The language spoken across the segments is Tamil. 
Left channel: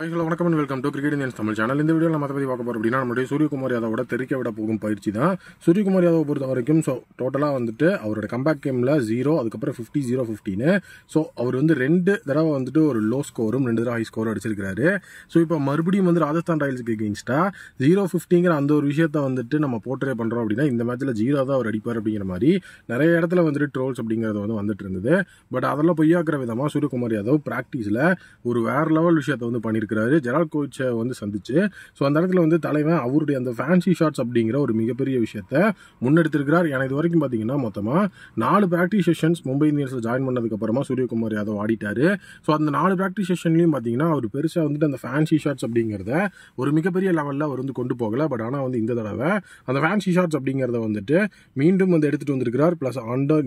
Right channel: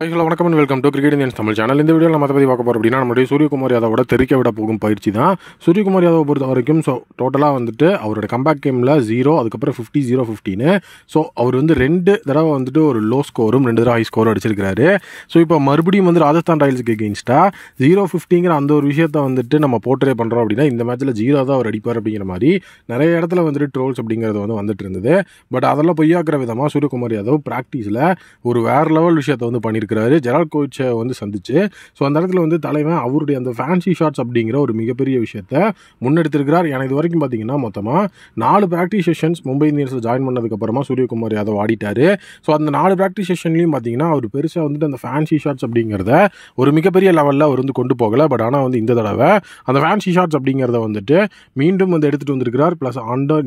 ஹலோ வணக்கம் and welcome to cricket Indians Tamil channel. இந்த வீடியோவில் நம்ம பற்றி பார்க்க போகிறோம் அப்படின்னா நம்மளுடைய சூரியகுமார் யாதவோட தெரிக்க விட போகும் பயிற்சி தான். சூரியகுமார் யாதவை பொறுத்த வரைக்கும் டோட்டலாக வந்துட்டு அவரோட கம்பேக் கேமில் 0, அதுக்கப்புறம் 50-0-15. அவர் வந்து 2 தடவை வந்துட்டு ஒரு லோ ஸ்கோரும் 2 தடவை ஹை ஸ்கோரும் அடிச்சிருக்காரு. இப்போ மறுபடியும் வந்து ராஜஸ்தான் ராயல்ஸுக்கு எகெயின்ஸ்டாக 0-15ங்கிற அந்த ஒரு விஷயத்தை வந்துட்டு நம்ம போர்ட்ரே பண்ணுறோம் அப்படின்னா இந்த மேட்ச்சில் 0 தான் அவர் அடிப்பார் அப்படிங்கிற மாதிரி நிறைய இடத்துல வந்துட்டு ட்ரோல்ஸ் அப்படிங்கிறது வந்துட்டு இருந்தது. பட் அதெல்லாம் பொய்யாக்குற விதமாக சூரியகுமார் யாதவ் ப்ராக்டிஸில் ஒரு வேறு லெவல் விஷயத்தை வந்து பண்ணியிருக்காரு. ஜெரால்ட் கோவிச்சை வந்து சந்திச்சு அந்த இடத்துல வந்து தலைவன் அவருடைய அந்த ஃபேன்சி ஷாட்ஸ் அப்படிங்கிற ஒரு மிகப்பெரிய விஷயத்த முன்னெடுத்திருக்கிறார். ஏன்னா இது வரைக்கும் பார்த்தீங்கன்னா மொத்தமாக 4 ப்ராக்டிஸ் செஷன்ஸ் மும்பை இந்தியன்ஸில் ஜாயின் பண்ணதுக்கப்புறமா சூரியகுமார் யாதவ் ஆடிட்டாரு. அந்த 4 ப்ராக்டிஸ் செஷன்லையும் பார்த்தீங்கன்னா அவர் பெருசாக வந்துட்டு அந்த ஃபேன்சி ஷாட்ஸ் அப்படிங்கிறத ஒரு மிகப்பெரிய லெவலில் அவர் வந்து கொண்டு போகலை. பட் ஆனால் வந்து இந்த தடவை அந்த ஃபேன்சி ஷாட்ஸ் அப்படிங்கிறத வந்துட்டு மீண்டும் வந்து எடுத்துகிட்டு வந்திருக்கிறார். ப்ளஸ்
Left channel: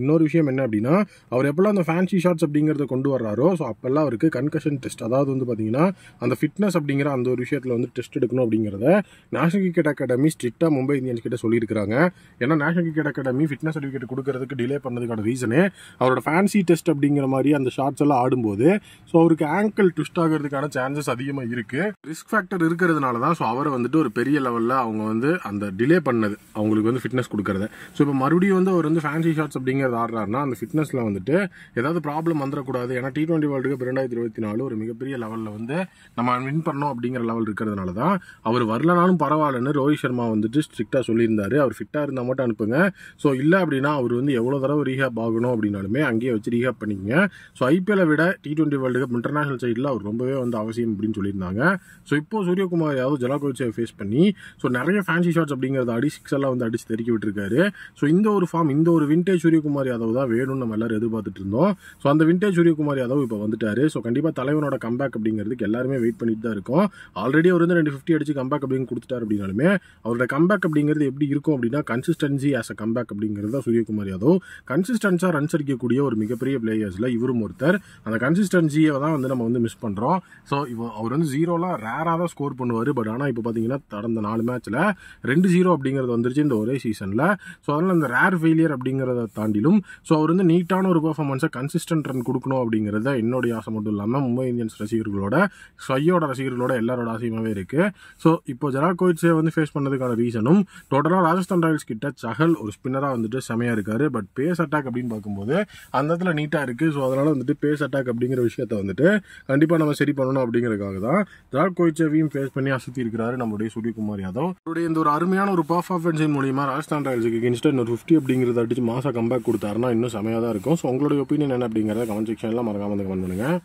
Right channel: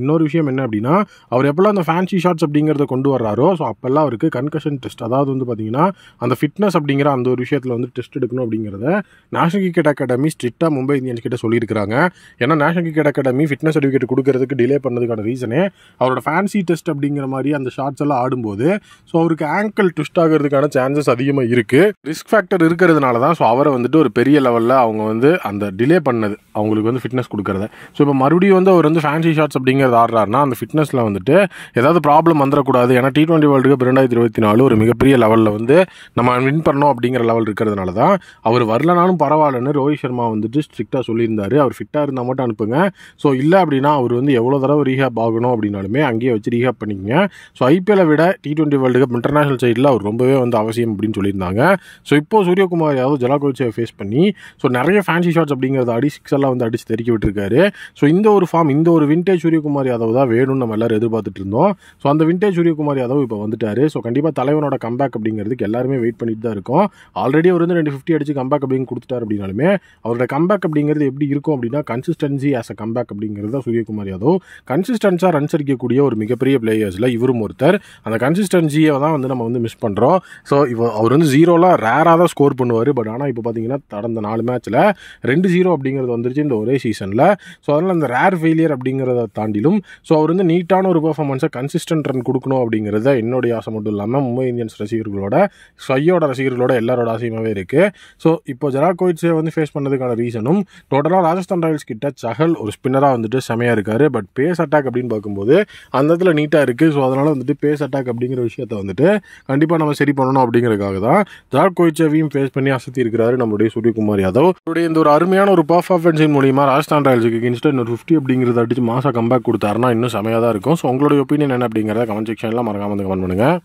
இன்னொரு விஷயம் என்ன அப்படின்னா அவர் எப்பெல்லாம் அந்த ஃபேன்சி ஷாட்ஸ் அப்படிங்கிறத கொண்டு வர்றாரோ அப்போல்லாம் அவருக்கு கன்கஷன் டெஸ்ட், அதாவது வந்து பார்த்தீங்கன்னா அந்த ஃபிட்னஸ் அப்படிங்கிற அந்த ஒரு விஷயத்தில் வந்து டெஸ்ட் எடுக்கணும் அப்படிங்கிறத நேஷனல் கிரிக்கெட் அகாடமி ஸ்ட்ரிக்டாக மும்பை இந்தியன்ஸ் கிட்ட சொல்லியிருக்காங்க. ஏன்னா national cricket academy fitness certificate கொடுக்கறதுக்கு டிலே பண்ணதுக்கான ரீசனு அவரோட ஃபேன்சி டெஸ்ட் அப்படிங்கிற மாதிரி அந்த ஷாட்ஸ் எல்லாம் ஆடும்போது அவருக்கு ஆங்கிள் ட்விஸ்ட் ஆகிறதுக்கான சான்சஸ் அதிகமாக இருக்குது. ரிஸ்க் ஃபேக்டர் இருக்கிறதுனால தான் அவரை வந்துட்டு ஒரு பெரிய லெவலில் அவங்க வந்து அந்த டிலே பண்ணது அவங்களுக்கு வந்து ஃபிட்னஸ் கொடுக்கறது. இப்போ மறுபடியும் வந்து அவர் வந்து ஃபேன்சி ஷாட்ஸ் அப்படிங்கிறது ஆடுறாருன்னா அந்த ஃபிட்னஸில் வந்துட்டு ஏதாவது ப்ராப்ளம் வந்துடக்கூடாது. ஏன்னா T20 வேர்ல்டு கப் 2024 ஒரு மிகப்பெரிய லெவலில் வந்து நம்ம வின் பண்ணோம் அப்படிங்கிற லெவல் இருக்கிறதுனால தான் அவர் வரலனாலும் பரவாயில்லன்னு ரோஹித் சர்மா வந்துட்டு ஸ்ட்ரிக்டாக சொல்லியிருந்தாரு. அவர் ஃபிட்டாக இருந்தால் மட்டும் அனுப்புங்க, இல்லை அப்படின்னா அவர் வந்து எவ்வளோ தடவை ரீஹேப் ஆகணும் அப்படின்னாலுமே அங்கேயே வச்சு ரீஹேப் பண்ணிக்கங்க. ஐபிஎல்லை விட T20 வேர்ல்டு கப் இன்டர்நேஷனல் சைடில் அவர் ரொம்பவே வந்து அவசியம் அப்படின்னு சொல்லியிருந்தாங்க. இப்போது சூரியகுமார் யாதவ் ஜெரால்ட் கோவிச்சை ஃபேஸ் பண்ணி நிறைய ஃபேன்சி ஷாட்ஸ் அப்படிங்கிறத சிக்ஸெல்லாம் வந்து அடித்து தெறிக்க விட்டுருக்காரு. இந்த ஒரு ஃபார்ம், இந்த ஒரு விண்டேஜ் சூரியகுமார் யாதவ் தான் வேணும்னு நம்ம எல்லாரும் எதிர்பார்த்துட்டு இருந்தோம். அந்த விண்டேஜ் சூரியகுமார் யாதவ் இப்போ வந்துட்டாரு. கண்டிப்பாக தலைவனோட கம்பேக் அப்படிங்கிறதுக்கு எல்லாருமே வெயிட் பண்ணிட்டு தான் இருக்கும். ஆல்ரெடி அவர் வந்து 250 அடிச்சு கம்பேக் அப்படின்னு கொடுத்துட்டார் அப்படின்னாலுமே அவரோட கம்பேக் அப்படிங்கிறது எப்படி இருக்கும் அப்படின்னா கன்சிஸ்டன்சி ஆஸ் அ கம்பேக் அப்படிங்கிறது தான் சூரியகுமார் யாதவ். கன்சிஸ்டன்ஸாக ரன்ஸ் அடிக்கக்கூடிய ஒரு மிகப்பெரிய பிளேயர்ஸில் இவரும் ஒருத்தர். அந்த கன்சிஸ்டன்சியை தான் வந்து நம்ம வந்து மிஸ் பண்ணுறோம். அவர் வந்து 0ல ரேராக தான் ஸ்கோர் பண்ணுவார். பட் ஆனால் இப்போ பார்த்தீங்கன்னா கடந்த 4 மேட்ச்சில் 2-0 அப்படிங்கிறது வந்துருச்சு இந்த ஒரே சீசனில். அதனால் அந்த ரேர் ஃபெயிலியர் அப்படிங்கிறத தாண்டிலும் அவர் வந்து நீட்டான ஒரு பெர்ஃபார்மன்ஸை கன்சிஸ்டன்ட் ரன் கொடுக்கணும் அப்படிங்கிறத என்னுடைய ஆசை மட்டும் இல்லாமல் மும்பை இந்தியன்ஸ் ரசிகர்களோட ரசிகர்களோட எல்லாரோட ஆசையுமாவே இருக்குது. இப்போ ஜெரால்ட் கோவிச்சை வந்து ஃபேஸ் பண்ணதுக்கான ரீசனும் டோட்டலாக ராஜஸ்தான் ராயல்ஸ் கிட்ட சஹல் ஒரு ஸ்பின்னராக வந்துட்டு செமையாக இருக்காரு. பட் பேஸ் அட்டாக் அப்படின்னு பார்க்கும்போது அந்த இடத்துல நீட்டாக இருக்குது. அதனால் வந்துட்டு பேஸ் அட்டாக் அப்படிங்கிற விஷயத்தை வந்துட்டு கண்டிப்பாக நம்ம சரி பண்ணணும் அப்படிங்கிறதுக்காக தான் ஜெரால்ட் கோவிச்சையும் ஃபேஸ் பண்ணி அசத்தி இருக்கிறாரு நம்மளுடைய சூரியகுமார் யாதவ். அவருடைய இந்த ஒரு அருமையான ஒரு பர்ஃபார்மன்ஸின் மூலியமாக ராஜஸ்தான் ராயல்ஸுக்கு எகெயின்ஸ்டாக இன்னொரு 50 அப்படிங்கிறத அடிச்சு மாசா கம்பேக் கொடுத்தாருன்னா இன்னும் செமையாக தான் இருக்கும். உங்களுடைய ஒப்பீனியன் என்ன அப்படிங்கிறத கமெண்ட் செக்ஷனில் மறக்காம வந்து கமெண்ட் பண்ணுங்கள்.